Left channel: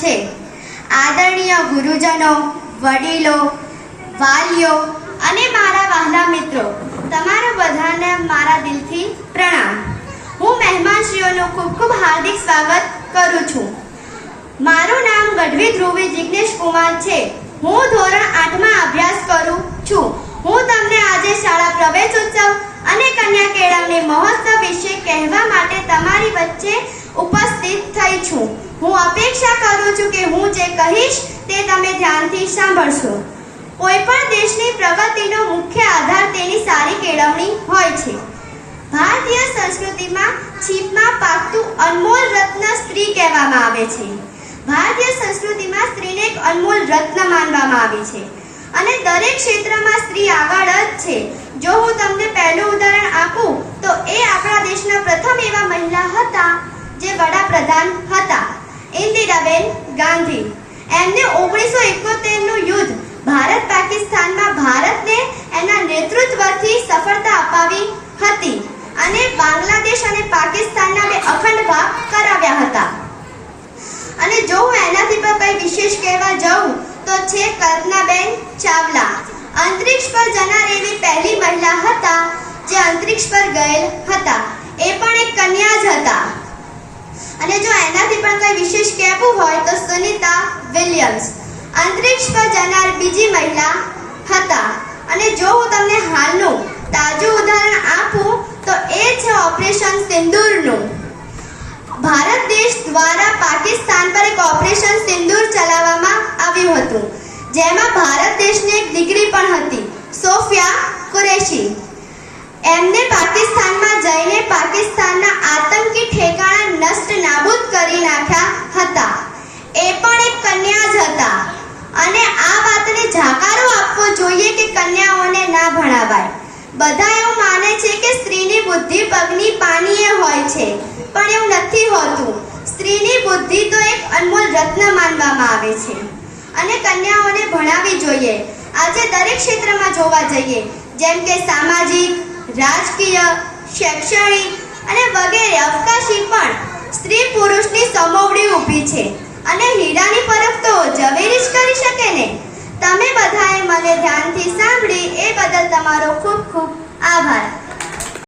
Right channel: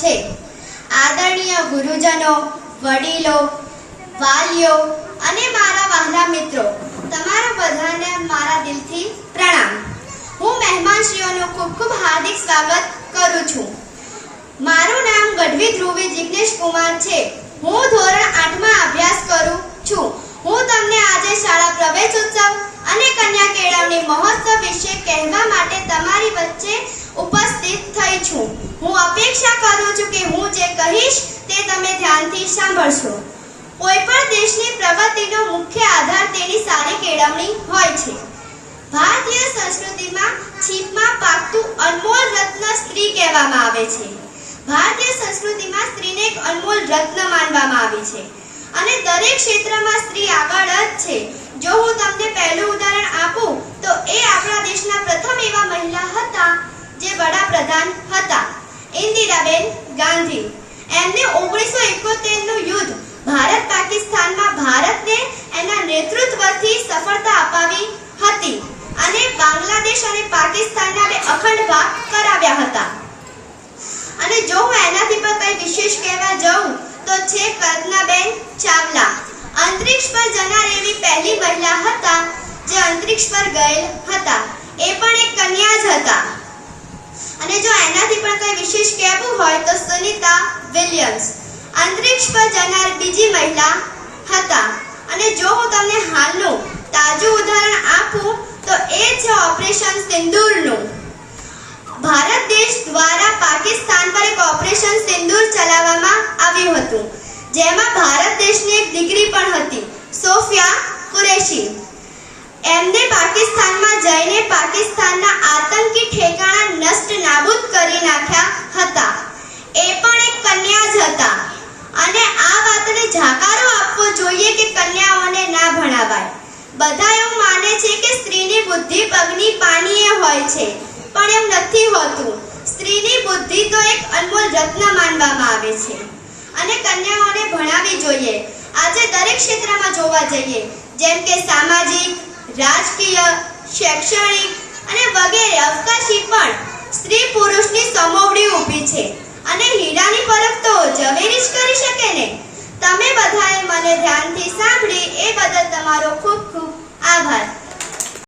છે। આદરણીય ગુરુજનો, વડીલો, વાલીઓ અને મારા વહાલા મિત્રો, તમારા બધાને મારા દિલથી પ્રણામ। હું મહેમાનશ્રીઓનું ખૂબ ખૂબ હાર્દિક સ્વાગત કરું છું। મારું નામ ગઢવી ધ્રુવી જિગ્નેશ કુમાર છે। હું ધોરણ 8માં અભ્યાસ કરું છું। હું તમને આજે શાળા પ્રવેશોત્સવ અને કન્યા કેળવણી મહોત્સવ વિશે કહેવા માટે તમારી વચ્ચે ઉપસ્થિત થઈ છું। હું અપેક્ષા કરું છું કે હું જે કહીશ તે તમે ધ્યાનથી સાંભળશો। કોઈ પણ દેશની પ્રગતિનો મુખ્ય આધાર તેની સારી કેળવણી હોય છે। ભારતીય સંસ્કૃતિમાં છીપમાં પાકતું અનમોલ રત્ન સ્ત્રી કહેવામાં આવે છે। ભારતીય સંસ્કૃતિમાં સ્ત્રીને એક અનમોલ રત્ન માનવામાં આવે છે અને દરેક ક્ષેત્રમાં સ્ત્રી આગળ જ છે। જો હું તમને પહેલું ઉદાહરણ આપું તો એ આપણા દેશના પ્રથમ એવા મહિલા હતા જે વડાપ્રધાન હતા, ઇન્દિરાબેન ગાંધી। એમને 1971નું યુદ્ધ ભારત પાકિસ્તાનમાં ભારતને એના નેતૃત્વથી સફળતા અપાવી હતી અને બાંગ્લાદેશ અને પાકિસ્તાનના બે અખંડ ભાગ કરાવ્યા હતા। અને જો હું એનાથી પર કંઈ વિશેષ કહેવા જાઉં તો છે કલ્પનાબેન ચાવલા। અંતરિક્ષ પર જનાર એવી પહેલી મહિલા હતા જે અંતરિક્ષ પર ગયેલ હતા। એ પણ એક કન્યા જ હતા। અને જો એનાથી પણ કંઈ વિશેષ કહેવું હોય તો સુનિતા વિલિયમ્સ અંતરિક્ષ પર જનાર બીજી મહિલા હતા। અને જો હું તમને હાલનું તાજું ઉદાહરણ આપું તો એ છે ઓપરેશન સિંદૂરનું। ભારત દેશ દ્વારા પાકિસ્તાન પર એક ઓપરેશન સિંદૂર ચલાવવામાં આવ્યું હતું, જેમાં ભારત દેશની એક દીકરી પણ હતી, સોફિયા કુરેશી। એમને પાકિસ્તાનમાં જઈને પાકિસ્તાનના આતંકી ઠેકાણા નષ્ટ નાબૂદ કરી નાખ્યા હતા। એ પણ એક કન્યા જ હતા અને આ વાતને જાકારો આપવો જોઈએ કે કન્યાઓને ના ભણાવાય। બધા એવું માને છે કે સ્ત્રીની બુદ્ધિ પગની પાનીએ હોય છે, પણ એવું નથી હોતું। સ્ત્રીની બુદ્ધિ તો એક અનમોલ રત્ન માનવામાં આવે છે અને કન્યાઓને ભણાવવી જોઈએ। આજે દરેક ક્ષેત્રમાં જોવા જઈએ, જેમ કે સામાજિક, રાજકીય, શૈક્ષણિક અને વગેરે અવકાશી પણ સ્ત્રી પુરુષની સમોવડી ઊભી છે અને હીરાની પરખ તો ઝવેરી જ કરી શકે ને। તમે બધાએ મને ધ્યાનથી સાંભળી એ બદલ તમારો ખૂબ ખૂબ આભાર।